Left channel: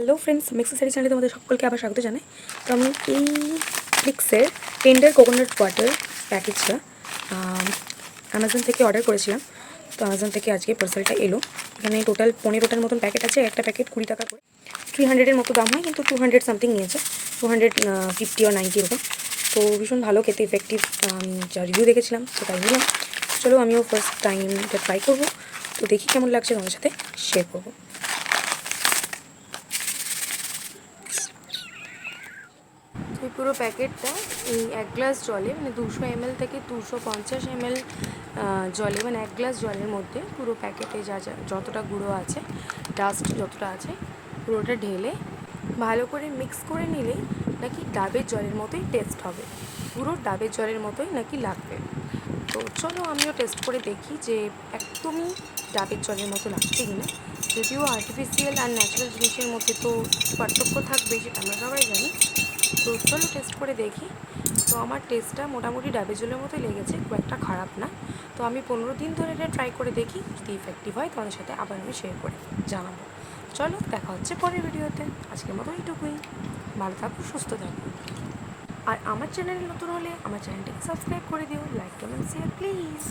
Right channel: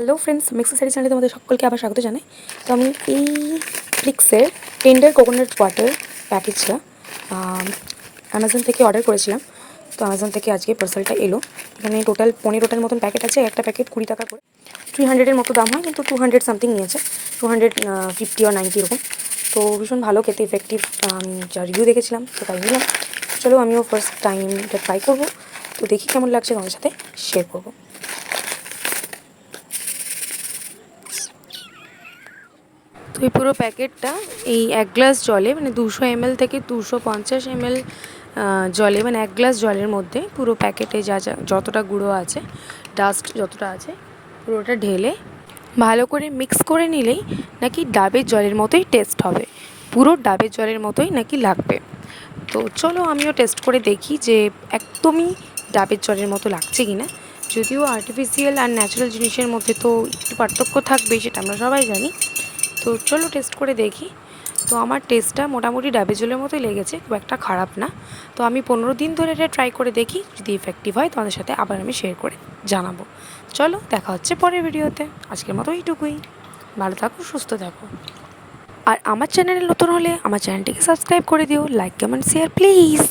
Hello friends mixie সারি চ্যানেলে তোমাদের সকলকে আবার স্বাগত জানাই। তো আমি এই ফ্লিক্সের টেন্ডার কোকোনাট ওয়াটার প্যাকেজটা অ্যামাজন থেকে অর্ডার করেছিলাম। তো অ্যামাজন থেকে আজকে পার্সেলটা এলো। এখানে টোটাল পনেরোটার মতন প্যাকেট আছে। একটা প্যাকেট কুড়ি টাকা করে। থ্রি হান্ড্রেডের মতো দাম হয়, কিন্তু টু হান্ড্রেড সামথিং নিয়েছে। টু হান্ড্রেড ফিফটি আর নাইনটি এরকম। তো ভীষণ ভালো, খেতে ইফেক্টিভ আমি, যা রিভিউ দেখেছিলাম, তো তাই নিলাম। চলো আমিও ফার্স্ট টাইম এটা ট্রাই করব। তো দেখি কেমন লাগছে তোমাদের সাথে শেয়ার করব। তো এই পুরো প্যাকেটটা এই এক গ্লাস জলে মানে দুশো এমএল থেকে দুশো পঞ্চাশ এমএল জলে মানে এক গ্লাস জলের মধ্যে পুরো প্যাকেটে যা যা যতটা গুঁড়ো আছে ডাস্ট যতটা আছে, পুরোটা ঢেলে ভালো করে মিক্স করে নিলেই নাকি ডাবের জলের মতোই টেস্ট হবে। পুরো ডাবের জলের মতোই নাকি লাগবে। তো চলো আমিও টেস্ট করে দেখি যে একদমই ডাবের জলের মতো লাগছে কি না যদিও আর্টিফিশিয়াল আর ন্যাচারাল জিনিসের মধ্যে তো একটু পার্থক্য থাকবে সেটা আমরা সবাই জানি। তো চলো টেস্ট করে দেখি। তো আমার টেস্টটা মোটামুটি ডাবে জলের মতোই লেগেছে, খুব একটা খারাপ না। তো আমি পনেরো দিন ধরে এটা ট্রাই করে দেখি, যদি ইফেক্টিভ হয় তোমাদের সাথে আবার আমি শেয়ার করে জানাব। চলো, দেখা হচ্ছে পরের ভিডিওতে আজকের মতো এইটুকুই। ভালো থাকো, সুস্থ থাকো। আর আমার চ্যানেলে নতুন হলে আমার চ্যানেলটিকে সাবস্ক্রাইব করে দিও লাইক কমেন্ট শেয়ার প্লিজ